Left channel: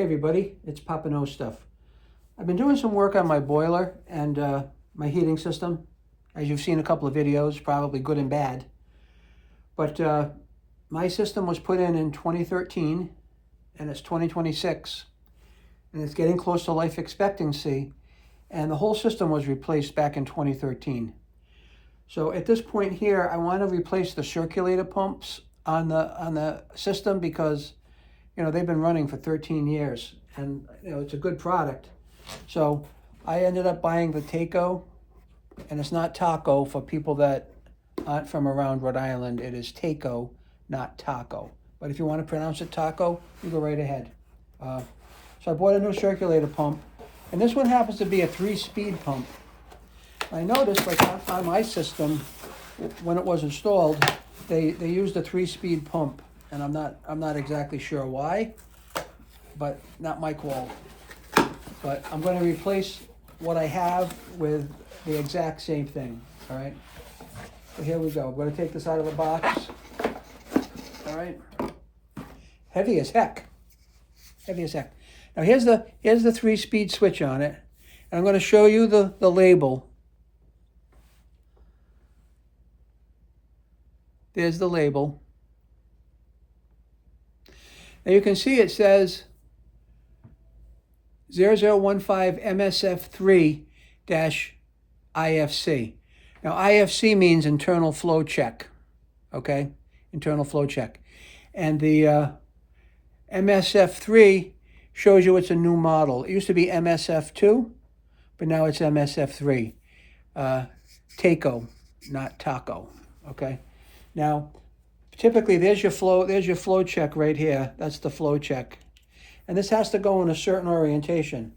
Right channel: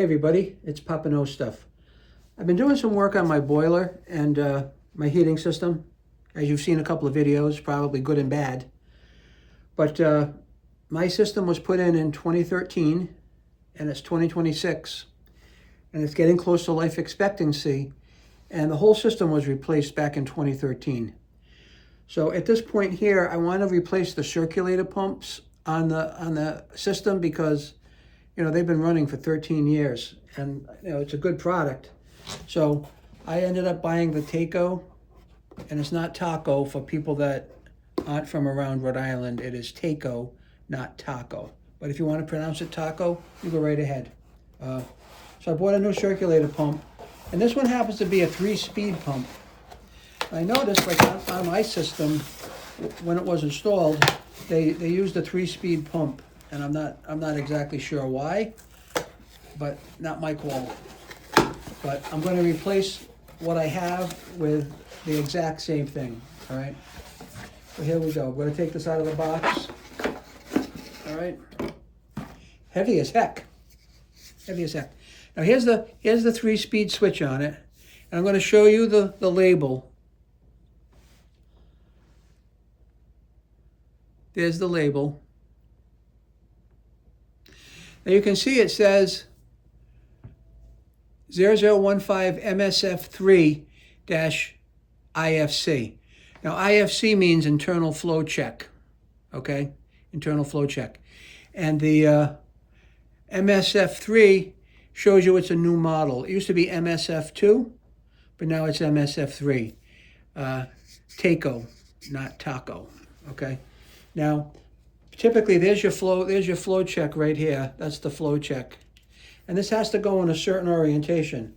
Hey everybody, it's Papa No Stuff. I've been doing some work on my boiler and my heating system. As you've seen a couple of videos, probably good and bad. But my system was put in 2013 and it's 2026. And it's getting close to life expectancy. And the whole system was replaced back in 2013. So at this point here, I want to replace the circulator pumps on the system because they've been running for 13 years and it's a good product. So I ended up buying the Taco, and it's not taco for people that aren't from around Rhode Island. It is Taco, not taco. But if you want to pronounce it taco, you go right ahead. So I bought a new circulator pump, and this one happens to be a 3-speed pump. I noticed, like on my system, when it was installed, they used a 3-speed pump. And I'm not exactly sure why, but not my call. But I'm going to replace what I have with the exact same thing. All right. So here we go. I'm going to take this out of the box. All right. Heavy as heck. Heavy as heck. Now here's the 3-speed switch on it. And I'm going to show you the label. There's the label. Now you can see it says 0015 MSF3-IFC. Now IFC means internal flow check, okay? Internal flow check. And the MSF3 shows you it's a new model. It used to be MSF2, but now it's MSF3. Taco, not taco, okay? Now, typically, there's your flow check right here. That's the flow check. And this has to go in a certain orientation.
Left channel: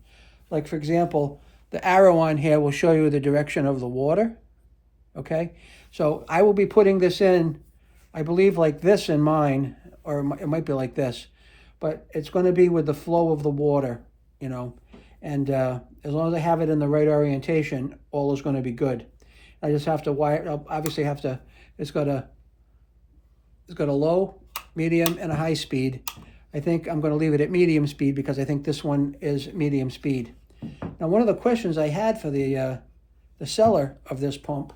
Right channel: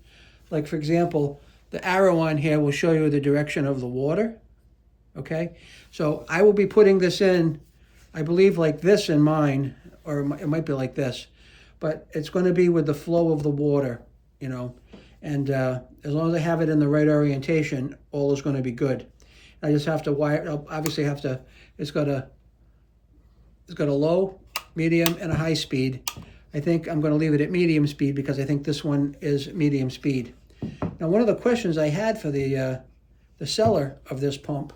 Like, for example, the arrow on here will show you the direction of the water. Okay? So I will be putting this in, I believe, like this in mine, or it might be like this. But it's going to be with the flow of the water, And as long as I have it in the right orientation, all is going to be good. I just have to wire, I'll obviously have to, it's got a low, medium, and a high speed. I think I'm going to leave it at medium speed because I think this one is medium speed. Now, one of the questions I had for the seller of this pump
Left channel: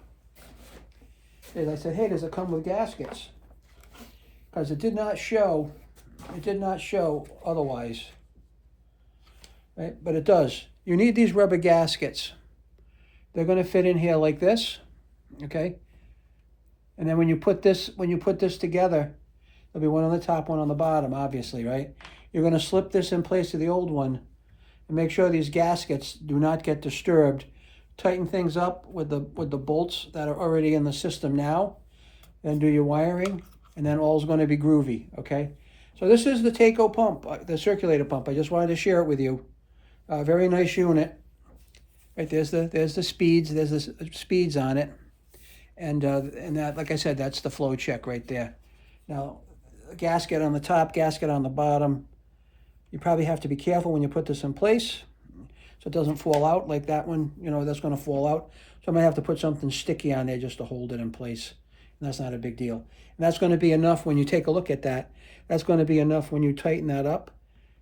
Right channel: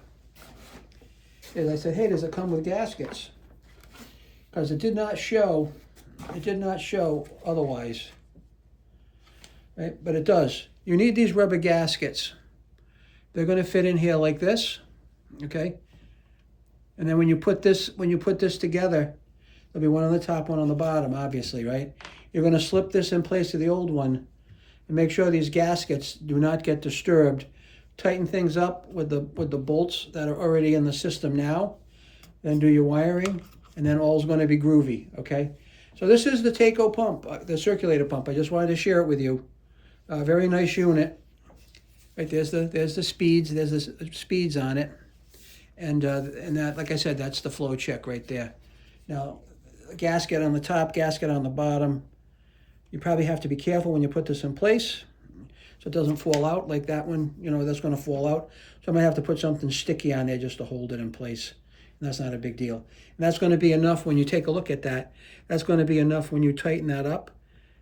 is I said, hey, does it come with gaskets? Because it did not show otherwise. Right? But it does. You need these rubber gaskets. They're going to fit in here like this, okay? And then when you put this together, there'll be one on the top, one on the bottom, obviously, right? You're going to slip this in place to the old one and make sure these gaskets do not get disturbed. Tighten things up with the bolts that are already in the system now. Then do your wiring, and then all's going to be groovy, okay? So this is the Taco pump, the circulator pump. I just wanted to share it with you. Very nice unit. Right, there's the speeds. There's the speeds on it. And that, like I said, that's the flow check right there. Now, gasket on the top, gasket on the bottom. You probably have to be careful when you put this in place so it doesn't fall out like that one. That's going to fall out. So I'm going to have to put something sticky on there just to hold it in place. And that's not a big deal. And that's going to be enough when you take a look at that. That's going to be enough when you tighten that up.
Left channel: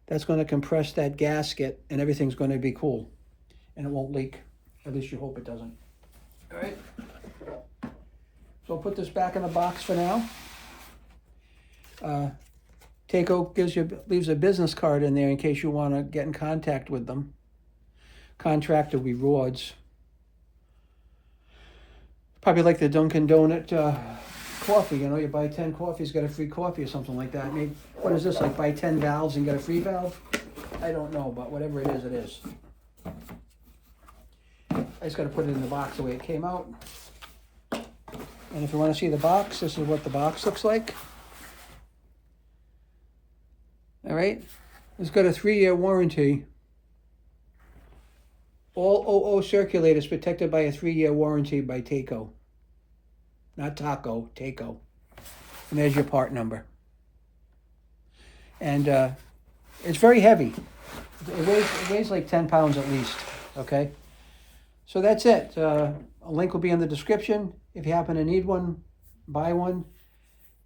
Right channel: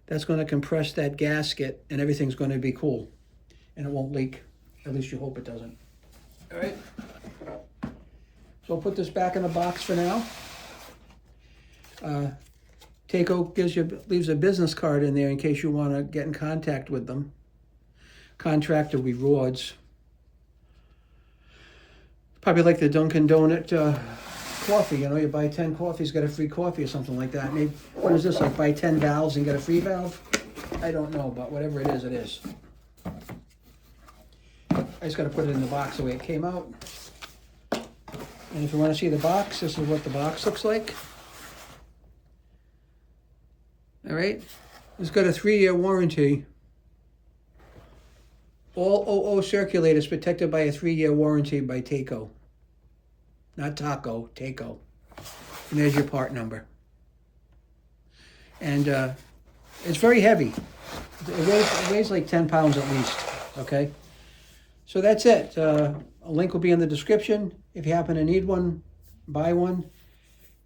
That's going to compress that gasket and everything's going to be cool. And it won't leak. At least you hope it doesn't. All right. So I'll put this back in the box for now. Taco leaves a business card in there in case you want to get in contact with them. Contractor rewards. Probably like the Dunkin' Donut coffee. You buy 10 coffees, get a free coffee or something like that. Maybe, what is this, like buy 10 valves and get a free valve? I don't know, but whatever it is, it is. I just got to put it in the box the way it came out. And if you want to see the box, this is what the box looks like. All right. It's got a 3-year warranty. All OO circulators protected by a 3-year warranty by Taco. Not Taco, Taco. And there's your part number. And it's very heavy. It weighs like 10 pounds at least, okay? So that's it. A link will be in the description. If you happen to need one, buy one.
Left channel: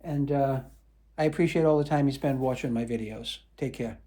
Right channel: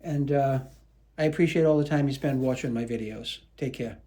And I appreciate all the time you spend watching my videos. Take care.